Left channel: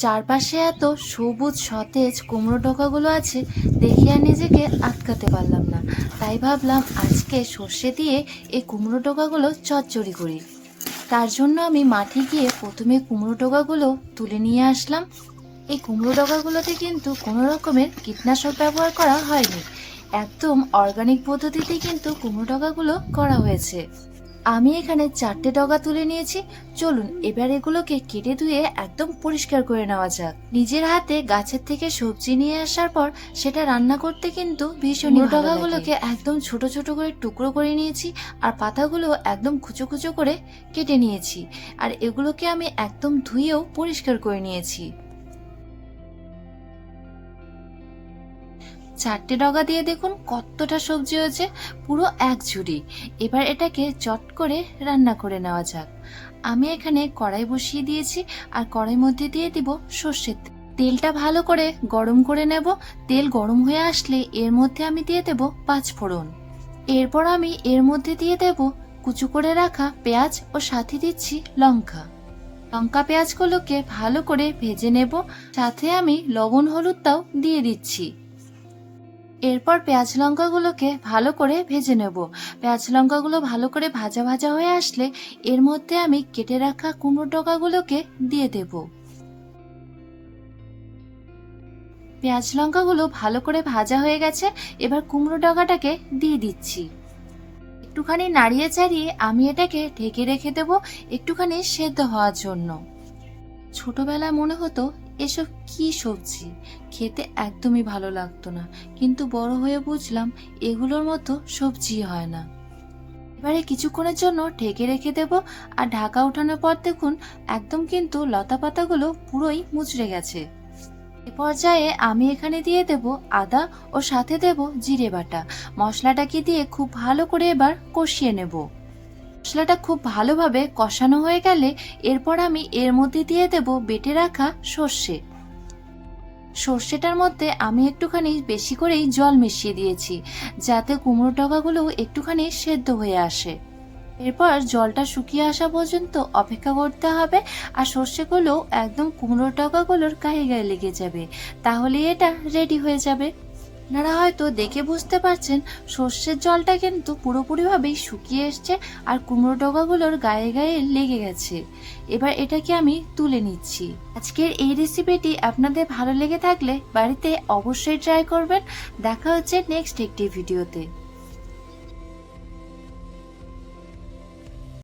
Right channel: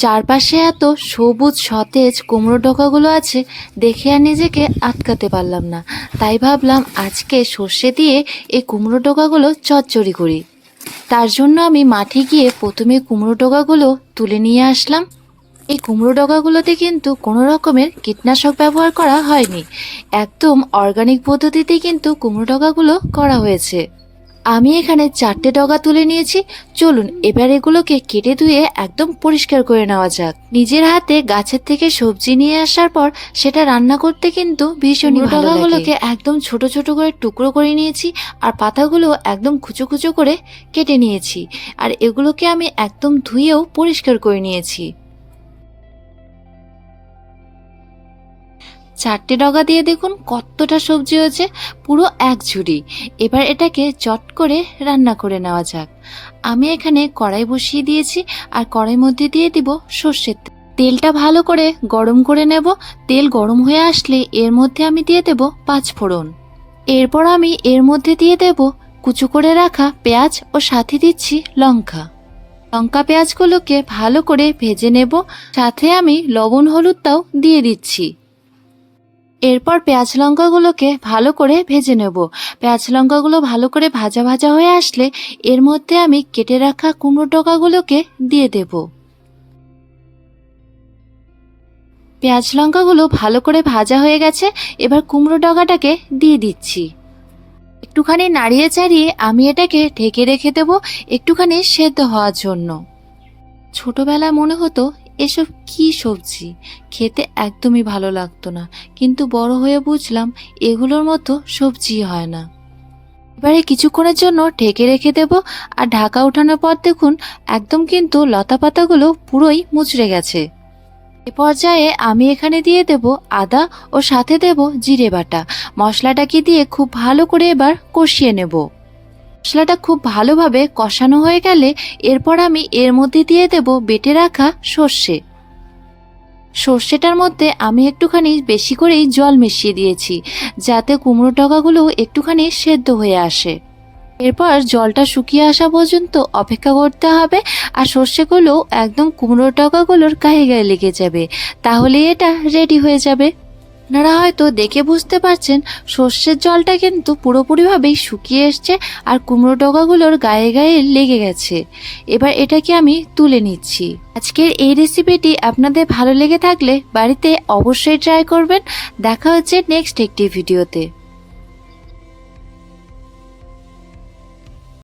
চারপাশে এত সবুজ সতেজ কুমড়ো ডগাগুলো আছে, দেখে আর নিজেকে আটকাতে পারলাম না। তাই ভাবলাম আজকে সর্ষে দিয়ে এই কুমড়ো ডগাগুলো চচ্চড়ি করি। তার জন্য আমি মাঠে গিয়ে প্রথমে কুমড়ো ডগাগুলো তুলে নিয়ে আসলাম। এই কুমড়ো ডগাগুলোতে কিন্তু কোনো রকমের কীটনাশক ব্যবহার করা হয়নি, একদম অর্গানিক পদ্ধতিতে কিন্তু কুমড়ো ডগাগুলো করা হয়েছে। আমি এখানে 4টে ডগা তুলে নিয়েছি। চলুন এবার এগুলোকে কেটে ধুয়ে একদম পরিষ্কার করে নেওয়া যাক। নিজের হাতে গাছের থেকে সবজি নিয়ে আসার পর সেটা রান্না করতে কিন্তু ভীষণই ভালো লাগে। ডগাগুলোকে একদম ছোট ছোট করে টুকরো করে নিয়েছি, আর পাতাগুলো একদম কুচো কুচো করে কেটে নিয়েছি। আর এগুলোকে আমি একদম ধুয়েও পরিষ্কার করে নিয়েছি। 4টে ডগা দিয়ে দেখুন কতটা সবজি হয়েছে, পুরো এক ঝুড়ি। এবার এটাকে চট করে রান্না করে নেওয়া যাক। আমি এখানে কড়াই বসিয়ে দিয়েছি, আর কড়াইয়ের মধ্যে দিয়ে দিব সর্ষের তেল। তেলটা ভালো করে গরম করে নেব। তেল গরম হয়ে আসলে এর মধ্যে আমি দিয়ে দেব 5 ফোড়ন। এরপর আমি এর মধ্যে দিয়ে দেব কুচো করে রাখা পেঁয়াজ, ও সাথে দিচ্ছি লঙ্কা। লঙ্কা পেঁয়াজগুলোকে ভালো করে ভেজে নেব, সাথে আমি লবণ হলুদটাও দিয়ে দিচ্ছি। এরপর পেঁয়াজ লঙ্কাগুলোকে ভালো করে ভেজে নেব। পেঁয়াজ লঙ্কাগুলো ভালো করে ভাজা ভাজা হয়ে আসলে এর মধ্যে আমি কেটে রাখা কুমড়ো ডগাগুলোকে দিয়ে দেব। পেঁয়াজ লঙ্কাগুলো ভালো করে ভাজা হয়ে গেছে, এবার কুমড়ো ডগাটাকে দিয়ে দিচ্ছি। একটুখানি নাড়িয়ে চাড়িয়ে আমি এটাকে ঢেকে রেখে দেব একটুখানি সেদ্ধ হওয়ার জন্য। ছোটবেলায় মনে হতো এসব কি সবজি, খেতে একদমই ভালো লাগতো না, কিন্তু বড় হয়ে বুঝলাম এগুলোর মতো সবজি হয় না। এবারে কিছুক্ষণের জন্য ঢেকে রেখে দেব, আর ঢাকা ওঠানোর পর দেখুন একদম কিন্তু লতা পাতাগুলো পুরোই মুচড়ে গেছে। এ পর্যায়ে আমি এখানে দিয়ে দেব আদা, ও সাথে দেব জিরে বাটা। মশলাটাকে দিয়ে খুব ভালো করে এবার কষিয়ে নেব। মশলাটা খুব ভালোভাবে কষানো হয়ে গেলে এরপর আমি এর মধ্যে দিয়ে দেব বেটে রাখা সর্ষে। সর্ষেটার মধ্যে আমি একটুখানি বেশি করেই জল মিশিয়ে দিয়েছি, যাতে কুমড়ো ডগাগুলো একটুখানি সেদ্ধ হয়ে আসে। এরপর জলটা শুকিয়ে আসা পর্যন্ত অপেক্ষা করতে হবে, আর সর্ষেগুলো একদম কুমড়ো ডগাগুলোর গায়ে গায়ে লেগে যাবে, তাহলে এটা রেডি হয়ে যাবে। আপনারা হয়তো দেখে বুঝতে পারছেন সর্ষের জলটা কিন্তু পুরোপুরিভাবেই শুকিয়ে এসছে, আর কুমড়ো ডগাগুলোর গায়ে গায়ে লেগে গেছে। এবার এটাকে আমি তুলে নিচ্ছি। আজকের এই রেসিপিটি আপনাদের ভালো লেগে থাকলে বাড়িতে অবশ্যই ট্রাই করবেন। দেখা হচ্ছে নেক্সট একটি ভিডিওতে।